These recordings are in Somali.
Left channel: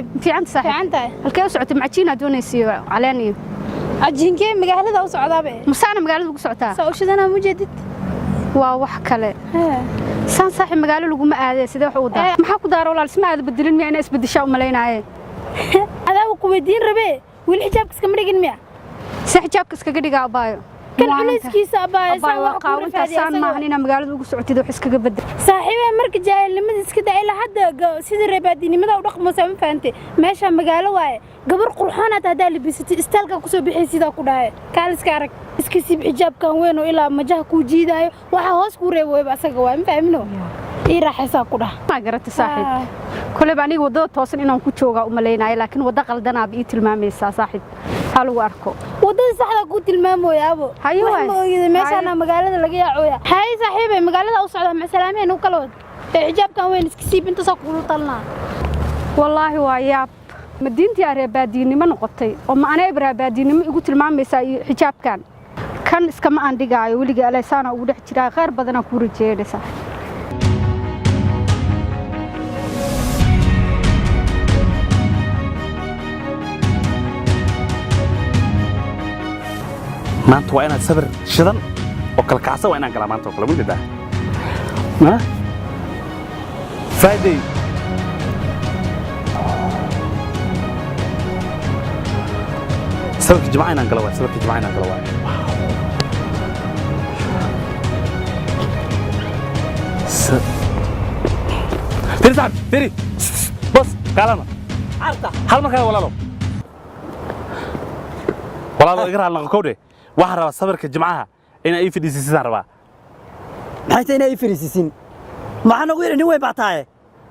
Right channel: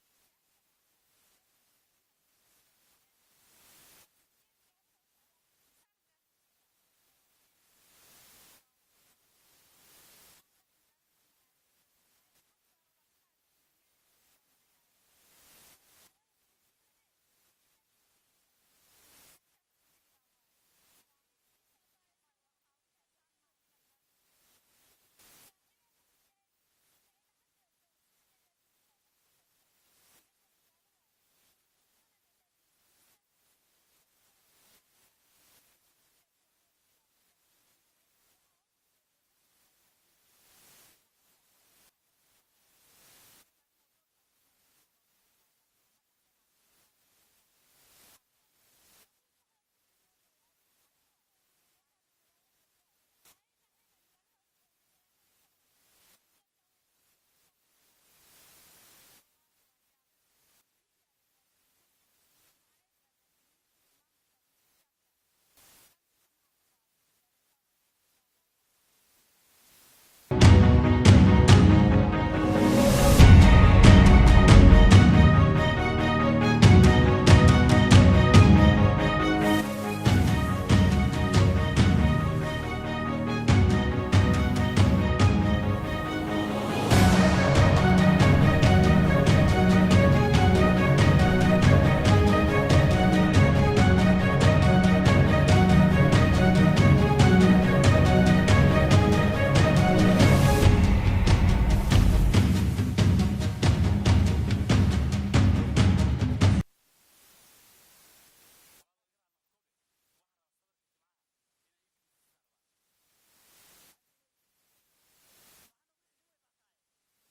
صاحب في عند صاحب في عنده halkee u socotay macjiina doonaysiyo caleeniyo عجينكي مقالة وصعدة به musaana magaalada ugu socotaa سأوشدنا مجدد waa wax kale san saaxib magaalo lagu ma aaday sidee wax u daa maxaa ku daaro walaal isma aad bedelin miyaa inay isbedeshaa u maleynaaye هذا هو قويدين ربي والحجاب كسكم رجل ميا si xijaabka iskaga dhigaa abaayo كل عميس كيس أبايا abaayo waa qaawinta saan maahan inaa magaalada ugu socotid wax iskaga bedel صاحبي مرك جاي لما تسكت إلى حد سيد الربادين ماذا ورقم مسام فانتي ماشى مقالة واي قبر قرحانة هذا اللي بيستي استلقى كسب بحيث إذا كده كالس كارك اسكسي بحجاب كان وينه إلى مجاه كوجيدا وحواس كوري ويبقى سقوا فاهمينه إيه راح يساقوده ما قرأت صاحب كل بعني وضع توصل إنهم كتشوجا وملينا لكن وضع قلدنا بيت المامي صاحب هلو أركو وضع صاحب قلت المامو يا أبو أيوة ماشي أنا مقالة لقيا عويا هاي صاحبي مقالة أوصلها مع سلامين وكلود حجاب كان وين اسكسي بنت ساقولو طلنا والله وياب مدينتي أرباديني ما نقطي وما أنا أرباديني ما قلت المامي ساي حجاب كان إسكما عندي جاي ولقي على سنة وده ترى غير بدنا كوري جيد صح maanta waa inaad sabir shidan oo kala kacsan waa inaan galaa maanta oo kale weliba ma Friday sabirka jimcaha inaan galo waa sabirka jimcaha inaan galo waa Firi saab Firi bos kalama arta hal markaa walaalo iga raal noqo waxaan rabaa sabirka jimcaha inay ii fidhiisiisaan rabaa maxay inay ii fidhiisiisin maxaan ugu yeerin way baataaye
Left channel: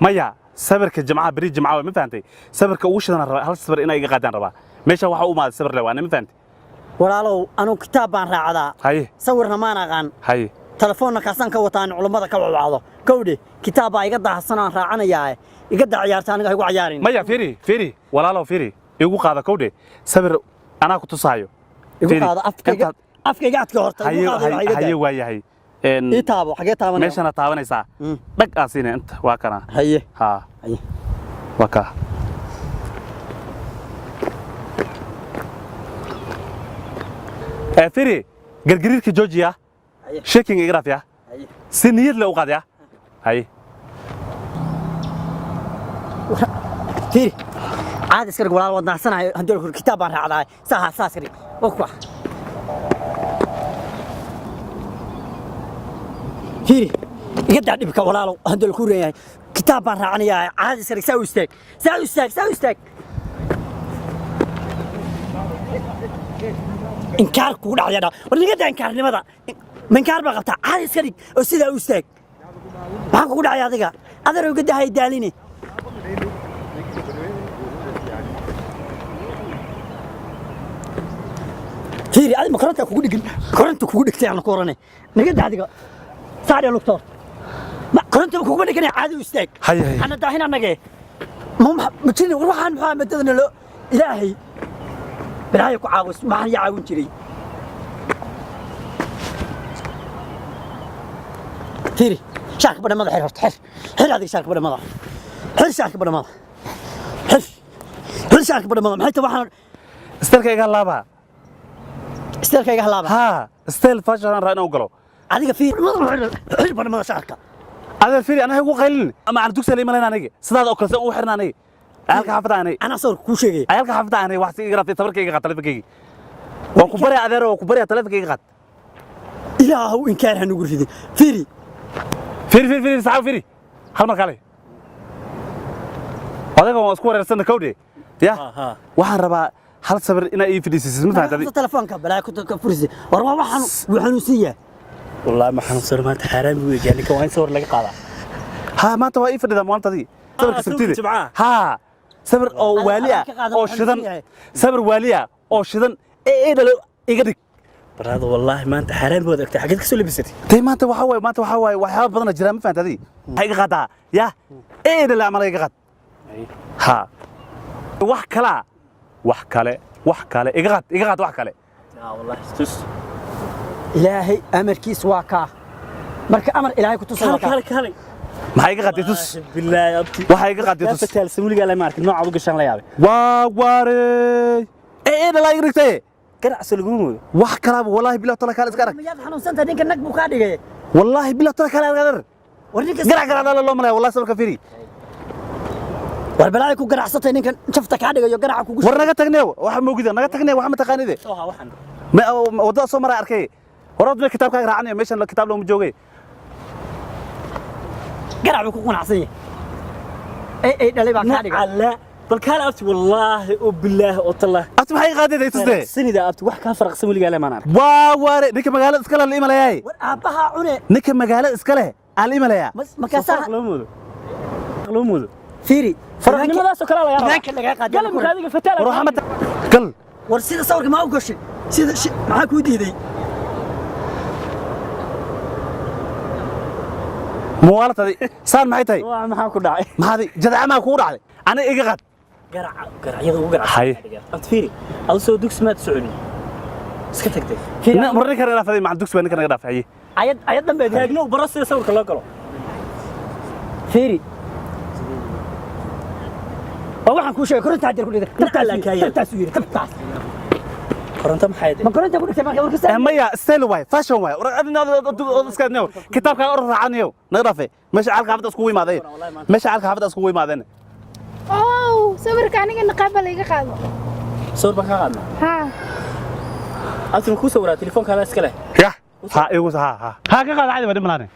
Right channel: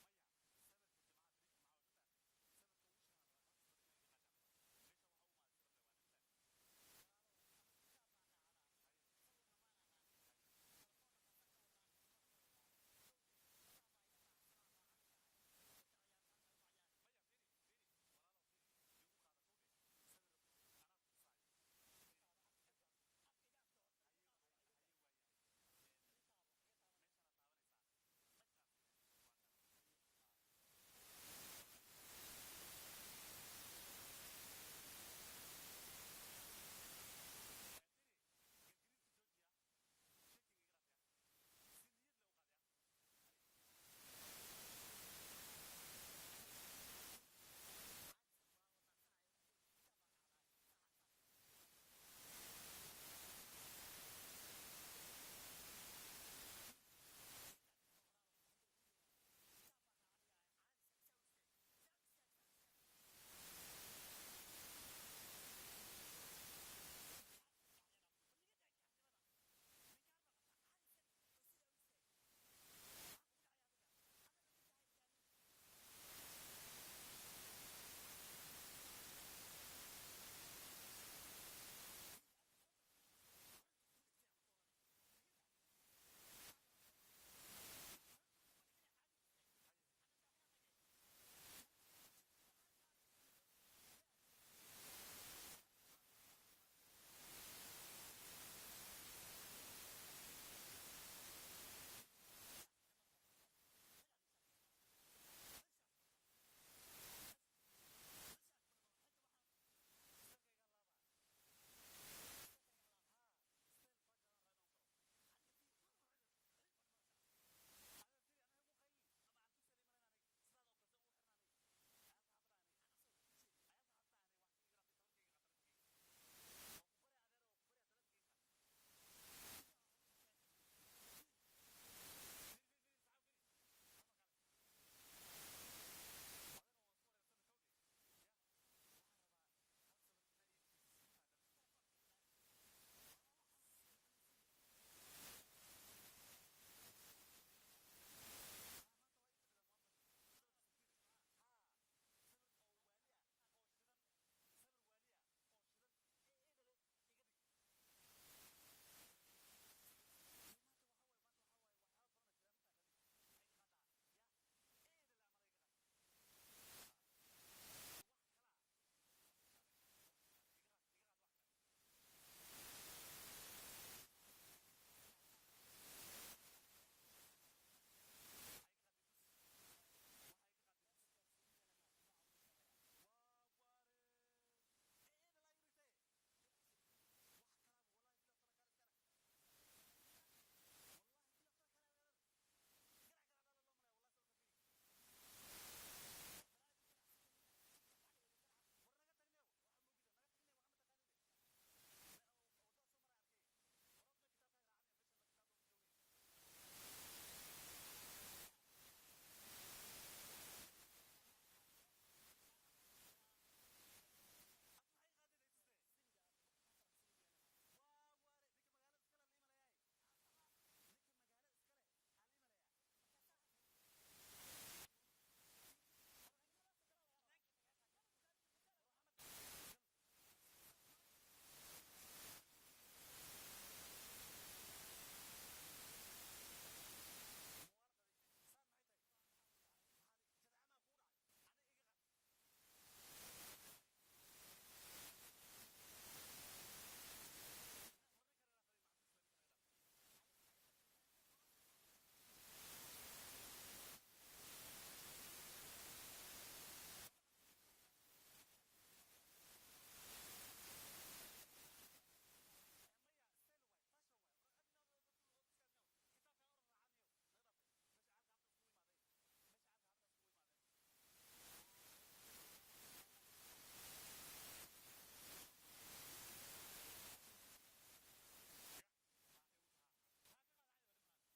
maya sabirka jimcaha bari jimcaha ma fahantay sabirka ugu shidan rabaa hal sabir inay iga qaadaan rabaa meesha waxa u maaday sabir leeyahay ma fahantay walaalow anu kitaab baan raacdaa haye sawirna ma aqaan haye telefoonna kaasan ka wataan culimada ka wacdo kowde kitaab baa iga daahsan aan raacanayaa iga daa ciyaarta aniga igu ciyaarin maya firi walaalow firi igu qaada kowde sabir anaa ku tusaayo igu qaada afkayga adka horta igu qaada haye waayahay ii taabo xagee taabanaysaa meeshana taabanaysaa dhag aasiina inta waa kana haye haye waa ka firi gargariirka Georgia shaking igraf ya si niyad la u qaad ya haye firi عاد اسكر ولا ودنا سنه هدول الكتاب بان راعداي ساها ساسري وكوا فيري يقدع دبك ولا هدول كوريا كتاب بان راعنيا عاد اسكر ساوي استاك انكار كو دحيدا ورني قد انكار نمدا منكار با قبتا عاد اسكر او سيدا استاك ما كو دحيا adiga adar uga dahay daalini فيري هذه مكرونة كوجو دقن كرونة كوجو دقتي أنا كورنة نقد هذيك ساري لوكتور ما كرونة كوجو دقني عادي وستيك هاي أنا داهين أنا جاي متشيني وروح عن محمد تدنا له إلهي برايك عاوز ما هي عاون تري فيري شارك بدنا ماذا حر هذه شارك بدنا ماذا شارك بدنا ماذا حر شارك بدنا ماذا حتى واحد استرك إيجا لابا استيل كيغا هلابا ها استيل فاشل رانا وقلو adiga fiir barnamada shaarka هذا فيري أنا هو قليل أما على دوك سليم لنا نيجي صدق أكل سو وحرنا نيجي أهلك حافظ عني أنا صور كوشيجي أهلك حافظ عني واحد يقرأ في تبرك يقرأ تلفك يجي وكبري أذره وكبري تلفك يقرأ إلا هو إن كان هنقول فيدي فيري فيري ساعة فيري هل ما قالي هذا هو أسكور السنة كودي يا واحد ربع هل صبر إنا إيه في السيستم مثلا هذا تلفون كبلا كنت كفرزي وروا وحنوسية والله ما حنصير ما تحرم ويجاني كوين صور لك قاضي ها ما توا إيه في النظام تدي صبر كسبتي ها صبر أو والية أو شذن صبر والية أو شذن إيه ده لو يقدر برادو والله ما أنت حرام بودك حاجتك سولي بستي تي ما أنت وحواي وحاب بدنا جرام فهمت هذه هاي قطع يا إيه ده اللي عمله يقطع ها وحكله إقعد وحكله والله استوس إلهي أمر كيس واقع مرك أمر إلهي كنت صورك كالي maxay iga qaatay tus بالله يا ابتي waxay iga qaatay tus فتال سمولي قال ما عرفت نوع ابو قشان لا يابي waa waarey ee dhalaa iga dhigtay قرع سلقومو wax kalaaba wallahi billahi tala kale iska arag miyaad xanuunsantahay ninka nag buu kaa dhigay wallahi billahi tala kale arag war ninka garac garac loo malay wallahi sabirka firi war balaa ku garacsatay ninkan jafta kaa dhigayo garaca kugu war naga tagnay waxa moogida naga tagnay waxa ma taqaanide سوها وحن ma wada soo maray arkay horad ma kitaabka raacanayo meeshan la kitaab loo joogay garac buu ku qanacsan yahay ay dhalay baa kaa dhigay على بل كان ابتي والله وبالله وتالله ati maxay qaadayday tusde سنيدا ابتي wax ka farq سمولي قال ما نعرف waa waare ninka magaalada iska leh imalayay war aabaha cune ninka magaalada iska leh aan imalaya makaasaa لو مودو fiiri فرنimadaas oo kala la yaraa ninka laga qaaday قال ما هذيك فتال war waxa ma gal war sida sawirka ma u gashay sida maxaa ku diiday muwaalatadi saan maxay tahay waa maxaa ku dhacay maxaadi jadacama ku dhacday aniga iga qad garacyada ugu garacsan Hay. abti fiiri aad soo dugsi maad soconi iska tagtay marri kale raafaday ma dugsi baan naga dhaafay ayad dambe taagno baro sida sawirka loo galo fiiri waxaan kuu sheegay koronta hadir ku dhigay tabtaas u yiri tabtaas koronto maxay ma koronta ku dhigtay marka warkasta maya style way fashion way adina iska neew kitaabka or raacanayo naga dhaafay meesha alka hafada isku yimaadeen meesha alka hafada isku yimaadeen oo sawirka aniga naqaba la iga qaado sawir baan ka qaadna ha abti ku sawiraa telefoonkaada iska leh ya ha igu ha ka qaad caadi ma dhimanaan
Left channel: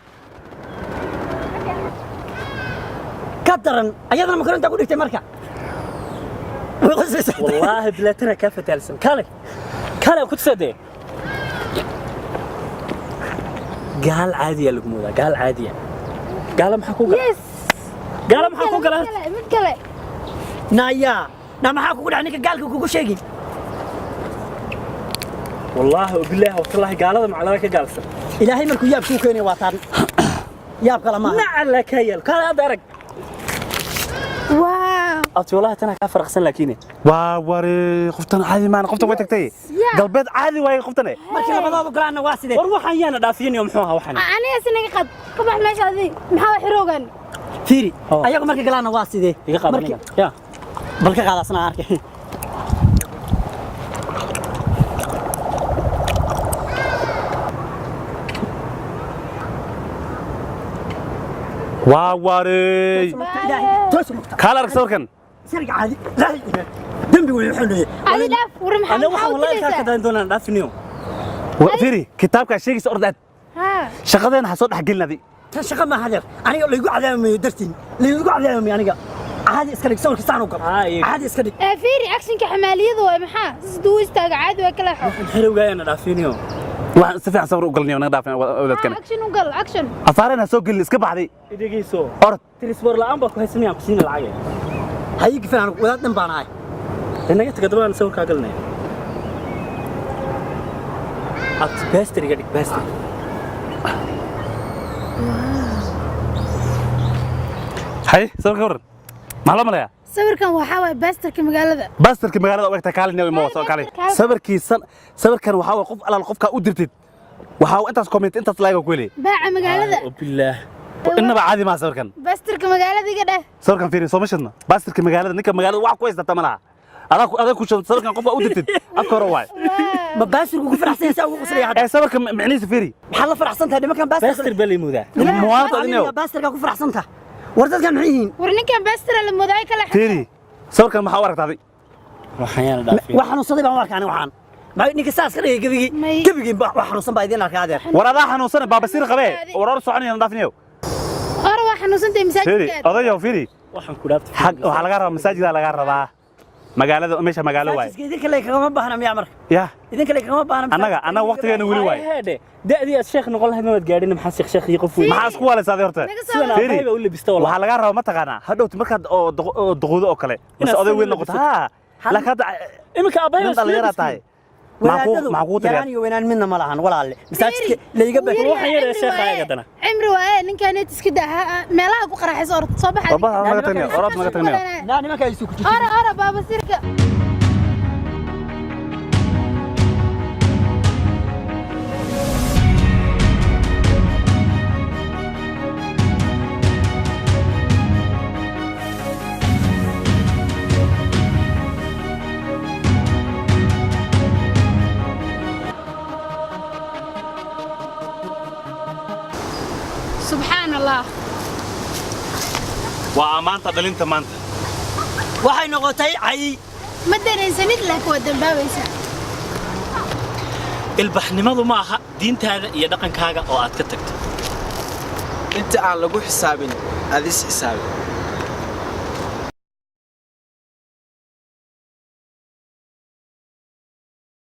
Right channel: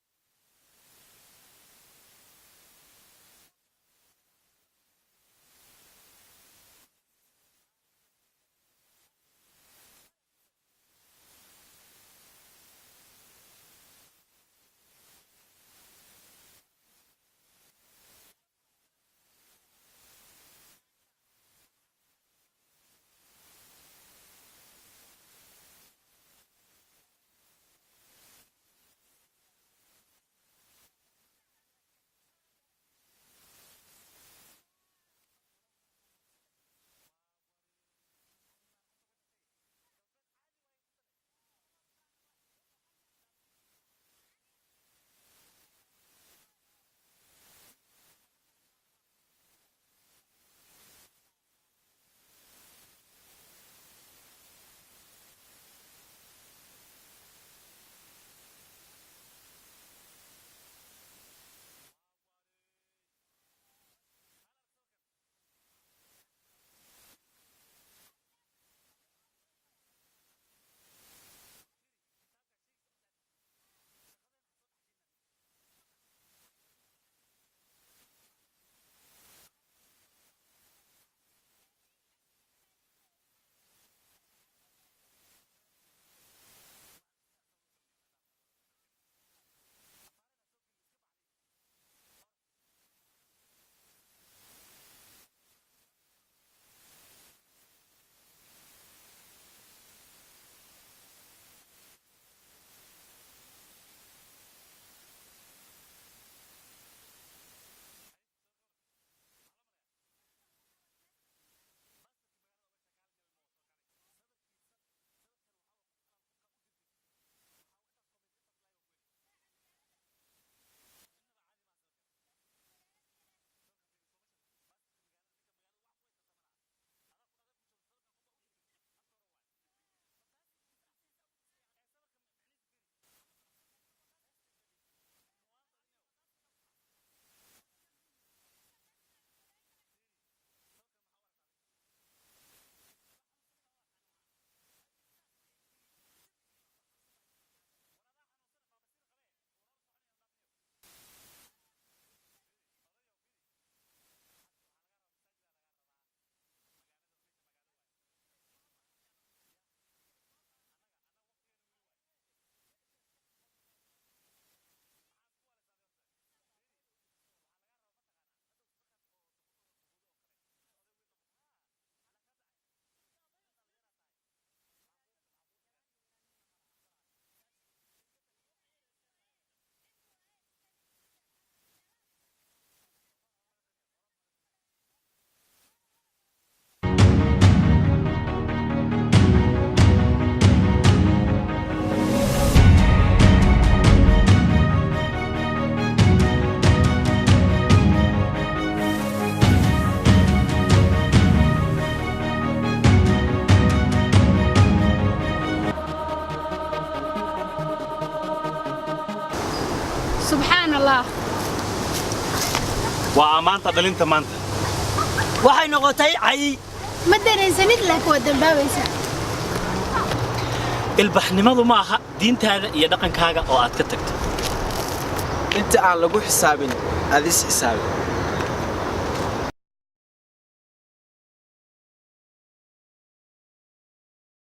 ka daran ayadana ma koronta ku dhigtay marka والله بلاتنا كافة تالسن كالي كنت صدق قال عادية لقمودا قال عادية قال محكو قال yes قال محكو قال mid kale naya na maxaa kugu dhacay ninka gaalka kugu sheegi والله وبالله والله قال هذا معلقة قالسن ilaahay markuu yaab kuu keenay waa taan yaab kala ma نعلا كيل كان هذا رق wow أبتي والله تنا كافر أحسن لكيني waa wari qoftan caadi maan qoftan way tagtay galbeed caadi way qoftan markii labadooda galaana waa sidee وروح أيانا دافين يوم حوها وحنا aniga sinaga qad ka bax meesha adii maxaa xiroogan fiiri ayagu markii galaana waa sidee يقاب نيجا يا bal ka qaadasna arkay waa wari toos kala arag sawirkan sirga caadi dambi wuu xunay adi dhaaf war maxaa أنا وحنا والله كان كذا دونا دافين يوم firi kitaabka sheegaysa ordad ha shaqadeena ha soo dhax gelinadi tan shaqa ma hadeer aniga la igu cadaamayo dartiin la igu cadaamayo aniga caadi iska dhig sawirka saan u gal caadi iska dhig fiiri actionka xamaaliyadu waa maxaa siduu istaaga caadi waa kala xo حلو جاينا دافين يوم waxaan si fiican sawir u galnayo naga dhaafay wadadkan action u gal action afaarena soo gelin iska baxday إديكي سو orod تلسبور لا أمبا كويس ميا كسين العجل hayi gifaan wadaad dhan baan ahay إنك تقدرون نسوي كاقلنا أبت باستري قدك باستري hay sawirka waran maxaa loo malaya sawirkan waxaa waay baastarka magaalada bastarka magaalada u egta kaalin iyo moo soo kaalay sawirkan waxaa way qof alaal qofka u dirtid waxaa intaas comment intaas like ku leeyahay baaca magaalada بالله inaba caadi ma sawirkan baastarka magaalada iga dheh sawirkan fiiri soo mashadna bastarka magaalada ninka magaalada wax ku haysata malaha adaa ku shaqo sawirkan qofka u dirtid afka hore waay ma baasir ugu faraxsan saa ugu qoslayay hadda sawirka macnihiisa fiiri maxaa la faraxsan tahay nimankan baasir باستر بالي مودا muwaadad adinayo baasirka ku faraxsan tahay war dadkan maxay yihiin war ninkan baastara la moodaay kala fiiri sawirkan maxaa u aragtaaday وحيانا دافين wax xanuunsaday baan u arkaa aniga waxaan ma ninka saas ka dhigay gabigii wax xanuunsan baa idin arkaa adeer war adaa xanuunsan baabasiir qabee war or soconaya dhaafinayo hore waa xanuunsantay fiiri masaajidka odayo fiiri waxaan ku dhaabtay waxaa laga rabaa masaajida laga rabaa magaalada meesha magaalo waay idinka le kagama baahna miyaa marka ya idinka le kagama baahna annaga waqtigeena weli waay هذا دأدي الشيخ نقول لهم ما تقارين محل شيخ يقف وين maxaa isku waaleysaday horta سوينا فيري. هاي بقول لي بيستوى والله waxaa laga rabaa ma taqaanaa hadhowti markaad oo duquudo oo kale mase Inaad oday sawir weyn la noqoto bisato. ha laakiin hadda إمك أبايا nin dhalinyara tahay wadaadadu maxaa kuu yaraan tagay iyo weynaan midna ma lahan walaalle masaajidka layga baa روح يا شيخ هاي قدنا cimri waaye ninkan iska daa meelaha ku qaraxayso orod soo baxa baba naga tagnayo orod naga tagnayo naa nimanka ay suku ora baabasirka subxaan allah waa maanta dhalinta maanta waxay noqotay cay ma dareensanid laakiin waa dambaabaysaa ilbaxnimadu ma aha diintaada iyo dhaqankaaga oo aad ka tagto inta aan lagu xisaabin adis xisaabi